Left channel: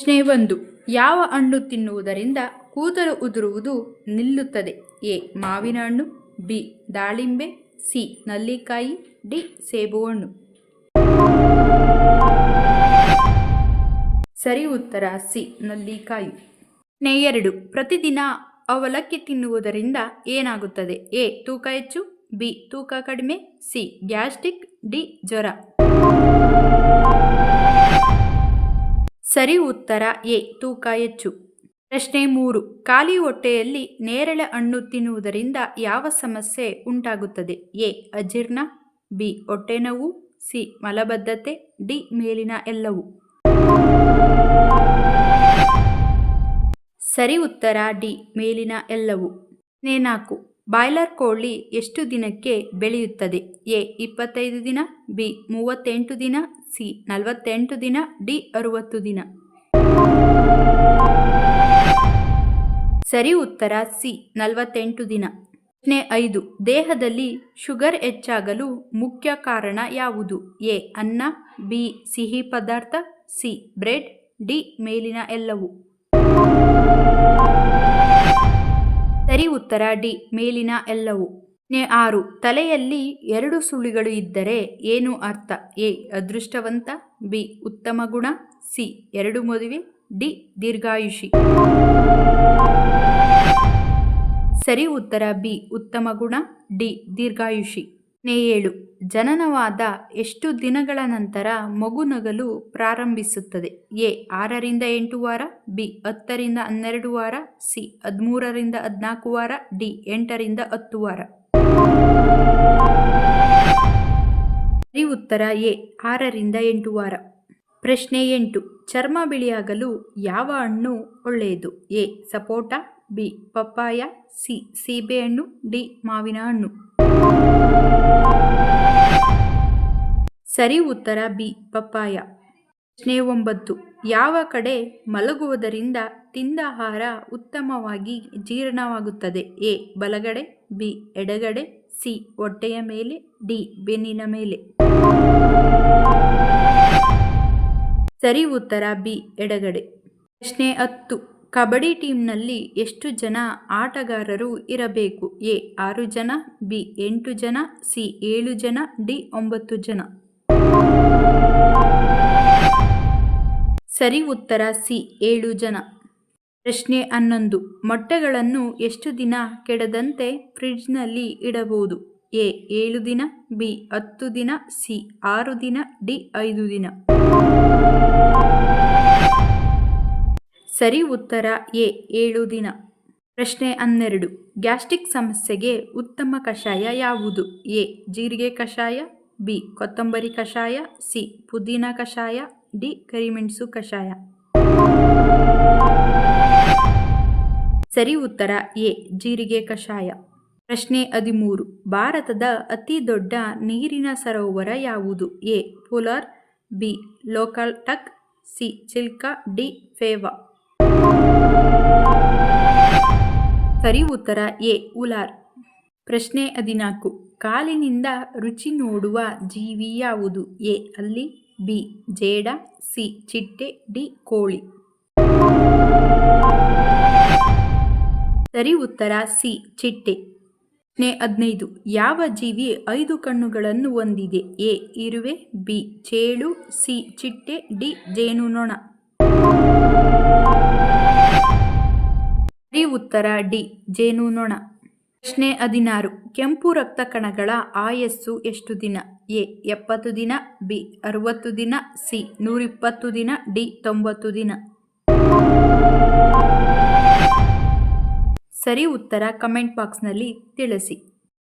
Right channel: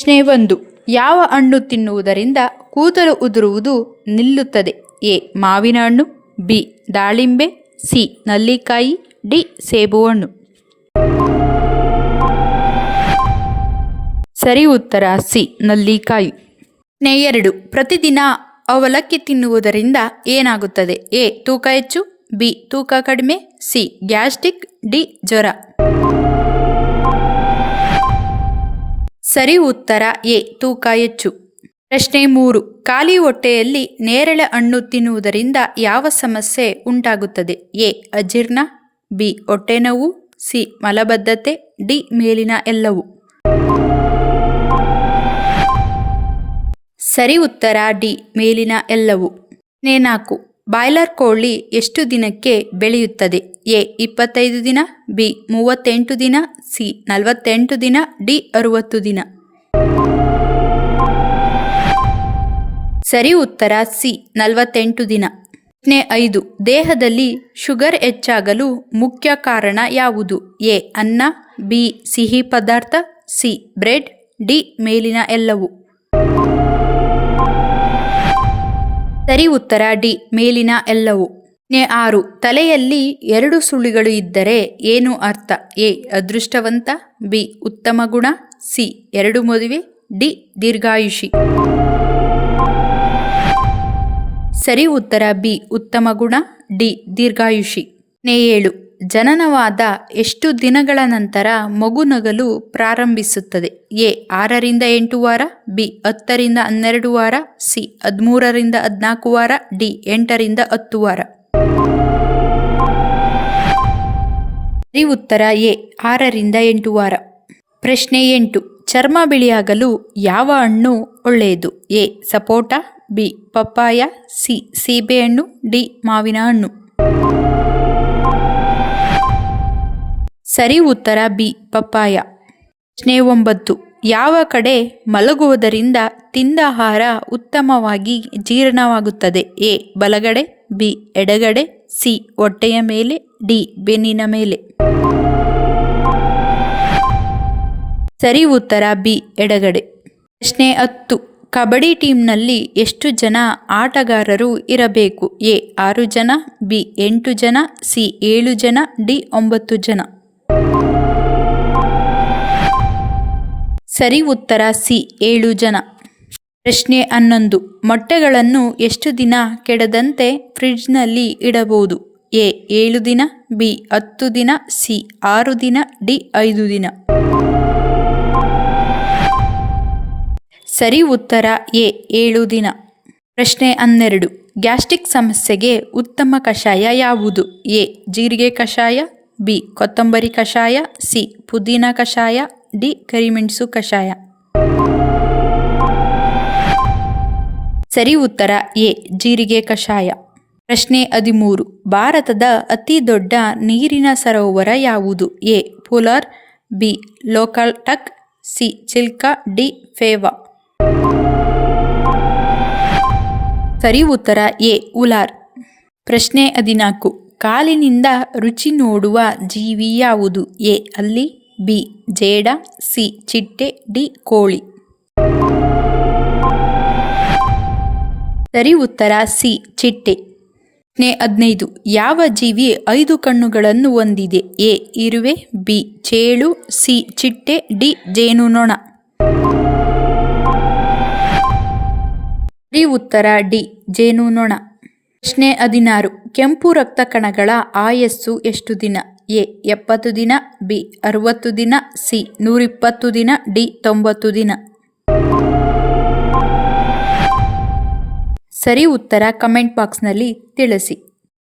ಪ್ರಶ್ನೆ ಒಂದು, ಯಾವ ಹಣ್ಣು ತಿನ್ನುವುದರಿಂದ ಕೂದಲು ಉದುರುವುದು ನಿಲ್ಲುತ್ತದೆ? ಎ, ಮಾವಿನ ಹಣ್ಣು, ಬಿ, ದಾಳಿಂಬೆ, ಸಿ, ನಲ್ಲಿಕಾಯಿ, ಡಿ ಸೇಬು ಹಣ್ಣು ಸರಿ ಉತ್ತರ, ಸಿ, ನಲ್ಲಿಕಾಯಿ. ಪ್ರಶ್ನೆ ಎರಡು, ಪ್ರತಿದಿನ ಅವಲಕ್ಕಿ ತಿನ್ನುವುದರಿಂದ ಏನಾಗುತ್ತದೆ? ಎ, ತೂಕ ಹೆಚ್ಚು, ಬಿ, ತೂಕ ಕಡಿಮೆ, ಸಿ, ಗ್ಯಾಸ್ಟ್ರಿಕ್, ಡಿ, ಜ್ವರ. ಸರಿ ಉತ್ತರ ಎ, ತೂಕ ಹೆಚ್ಚು. ಪ್ರಶ್ನೆ ಮೂರು, ಖಾಲಿ ಹೊಟ್ಟೆಯಲ್ಲಿ ನೇರಳೆ ಹಣ್ಣು ತಿನ್ನುವುದರಿಂದ ಯಾವ ಸಮಸ್ಯೆ ಉಂಟಾಗುತ್ತದೆ? ಎ, ಅಜೀರ್ಣ, ಬಿ ಹೊಟ್ಟೆನೋವು ಸಿ, ಮಲಬದ್ಧತೆ, ಡಿ, ಮೇಲಿನ ಎಲ್ಲವು. ಸರಿ ಉತ್ತರ ಡಿ, ಮೇಲಿನ ಎಲ್ಲವು. ನೇನಾಕು ಬಾಯ್ಲರ್ ಕೋಳಿ ಎಷ್ಟು ದಿನಕ್ಕೆ ಬೆಳೆಯುತ್ತದೆ? ಎ, ಇಪ್ಪತ್ತೈದು ದಿನ, ಬಿ, ಮೂವತ್ತೆಂಟು ದಿನ, ಸಿ, ನಲವತ್ತೆಂಟು ದಿನ, ಡಿ, ಅರುವತ್ತು ದಿನ. ಸರಿ ಉತ್ತರ, ಸಿ, ನಲವತ್ತೆಂಟು ದಿನ. ಪ್ರಶ್ನೆ ಐದು. ದೇಹದಲ್ಲಿ ಶುಗರ್ ಹೆಚ್ಚಾಗಲು ಮುಖ್ಯ ಕಾರಣ ಯಾವುದು? ಎ, ಅನ್ನ, ಬಿ, ಸಿಹಿ ಪದಾರ್ಥ, ಸಿ, ಬ್ರೆಡ್, ಡಿ, ಮೇಲಿನ ಎಲ್ಲವು. ಸರಿ ಉತ್ತರ ಡಿ. ಮೇಲಿನ ಎಲ್ಲವೂ. ಆರು. ತಲೆಯಲ್ಲಿ ಎರಡು ಸುಳಿಗಳು ಇದ್ದರೆ ಏನು ಅರ್ಥ? ಎ. ಅದೃಷ್ಟವಂತ. ಬಿ. ಉತ್ತಮ ಗುಣ. ಸಿ. ಎರಡು ಮದುವೆ. ಡಿ. ದೀರ್ಘಾಯುಷಿ. ಸರಿ ಉತ್ತರ ಬಿ. ಉತ್ತಮ ಗುಣ. ಡಿ. ದೀರ್ಘಾಯುಷಿ. ಏಳು ಜನನವಾದ ಎಷ್ಟು ದಿನಗಳ ನಂತರ ಮಗು ನಗಲು ಪ್ರಾರಂಭಿಸುತ್ತದೆ? ಎ, ಆರರಿಂದ ಎಂಟು ವಾರ, ಬಿ, ಹತ್ತರಿಂದ ಹನ್ನೆರಡು ವಾರ, ಸಿ, ಹದಿಮೂರರಿಂದ ಹದಿನಾಲ್ಕು ವಾರ, ಡಿ, ಎಂಟರಿಂದ ಹತ್ತು ವಾರ. ಸರಿ ಉತ್ತರ ಎ, ಆರರಿಂದ ಎಂಟು ವಾರ. ಪ್ರಶ್ನೆ ಎಂಟು, ಚರ್ಮ ಬಿಳಿಯಾಗಲು ಯಾವ ಹಣ್ಣು ಒಳ್ಳೆಯದು? A, sapota, B, papaya, C, ಸೀಬೆಹಣ್ಣು, ಡಿ, ಮಾವಿನ ಹಣ್ಣು. ಸರಿ ಉತ್ತರ ಬಿ, ಪಪ್ಪಾಯ. ಪ್ರಶ್ನೆ ಒಂಬತ್ತು. ಯಾವ ಕಡೆ ಮಲಗುವುದರಿಂದ ತಿಂದ ಆಹಾರ ಉತ್ತಮವಾಗಿ ಜೀರ್ಣವಾಗುತ್ತದೆ? ಎ, ಬಲಗಡೆ, ಬಿ, ಎಡಗಡೆ, ಸಿ, ಹೊಟ್ಟೆಯ ಮೇಲೆ, ಡಿ, ಬೆನ್ನಿನ ಮೇಲೆ. ಸರಿ ಉತ್ತರ ಬಿ, ಎಡಗಡೆ. ಪ್ರಶ್ನೆ ಹತ್ತು. ಕಬಡ್ಡಿ ಟೀಮ್ನಲ್ಲಿ ಎಷ್ಟು ಜನ ಆಟಗಾರರು ಇರಬೇಕು? ಎ, ಆರು ಜನ, ಬಿ, ಎಂಟು ಜನ, ಸಿ, ಏಳು ಜನ, ಡಿ, ಒಂಬತ್ತು ಜನ. ಸರಿ ಉತ್ತರ ಸಿ. ಏಳು ಜನ. ಪ್ರಶ್ನೆ ಹನ್ನೊಂದು. ಮೊಟ್ಟೆಗಳನ್ನು ಎಷ್ಟು ದಿನ ಕೆಡದಂತೆ ಫ್ರಿಡ್ಜ್ನಲ್ಲಿ ಇಡಬಹುದು? ಎ. ಏಳು ದಿನ, ಬಿ. ಹತ್ತು ದಿನ, ಸಿ. ಆರು ದಿನ, ಡಿ. ಐದು ದಿನ. ಸರಿ ಉತ್ತರ ಎ. ಏಳು ದಿನ. ಪ್ರಶ್ನೆ ಹನ್ನೆರಡು. ಗ್ಯಾಸ್ಟ್ರಿಕ್ ಸಮಸ್ಯೆಗೆ ಉತ್ತಮ ಕಷಾಯ ಯಾವುದು? ಎ. ಜೀರಿಗೆ ಕಷಾಯ, ಬಿ. ಕೊತ್ತಂಬರಿ ಕಷಾಯ, ಸಿ. ಪುದೀನ ಕಷಾಯ ಡಿ ಕರಿಮೆಣಸು ಕಷಾಯ. ಸರಿ ಉತ್ತರ ಎ, ಜೀರಿಗೆ ಕಷಾಯ. ಪ್ರಶ್ನೆ ಹದಿಮೂರು, ಭಾರತದ ಅತಿ ದೊಡ್ಡ ನೀರಿನ ಸರೋವರ ಯಾವುದು? A, polar, B, Loktak, C, Chilka, D, Phewa. ಸರಿ ಉತ್ತರ ಎ, ಉಲಾರ್. ಪ್ರಶ್ನೆ ಹದಿನಾಲ್ಕು, ಕಾಲಿನಿಂದ ರುಚಿ ನೋಡುವ ಜೀವಿ ಯಾವುದು? ಎ, ಅಲ್ಲಿ. ಬಿ, ಜೇಡ, ಸಿ, ಚಿಟ್ಟೆ, ಡಿ, ಕೋಳಿ. ಸರಿ ಉತ್ತರ, ಸಿ, ಚಿಟ್ಟೆ. ಪ್ರಶ್ನೆ ಹದಿನೈದು. ಯಾವ ಜೀವಿ ಐದು ಕಣ್ಣುಗಳನ್ನು ಹೊಂದಿದೆ? ಎ, ಇರುವೆ, ಬಿ, ಚೇಳು, ಸಿ, ಚಿಟ್ಟೆ, ಡಿ, ಜೇನುನೊಣ. ಸರಿ ಉತ್ತರ, ಡಿ, ಜೇನುನೊಣ. ಪ್ರಶ್ನೆ ಹದಿನಾರು. ಕೆಂಪು ರಕ್ತ ಕಣಗಳ ಆಯಸ್ಸು ಎಷ್ಟು ದಿನ? ಎ, ಎಪ್ಪತ್ತು ದಿನ, ಬಿ, ಅರುವತ್ತು ದಿನ, ಸಿ, ನೂರಿಪ್ಪತ್ತು ದಿನ, ಡಿ, ತೊಂಬತ್ತು ದಿನ. ಸರಿ ಉತ್ತರ ಕಮೆಂಟ್ ಬಾಕ್ಸ್ನಲ್ಲಿ ತಿಳಿಸಿ.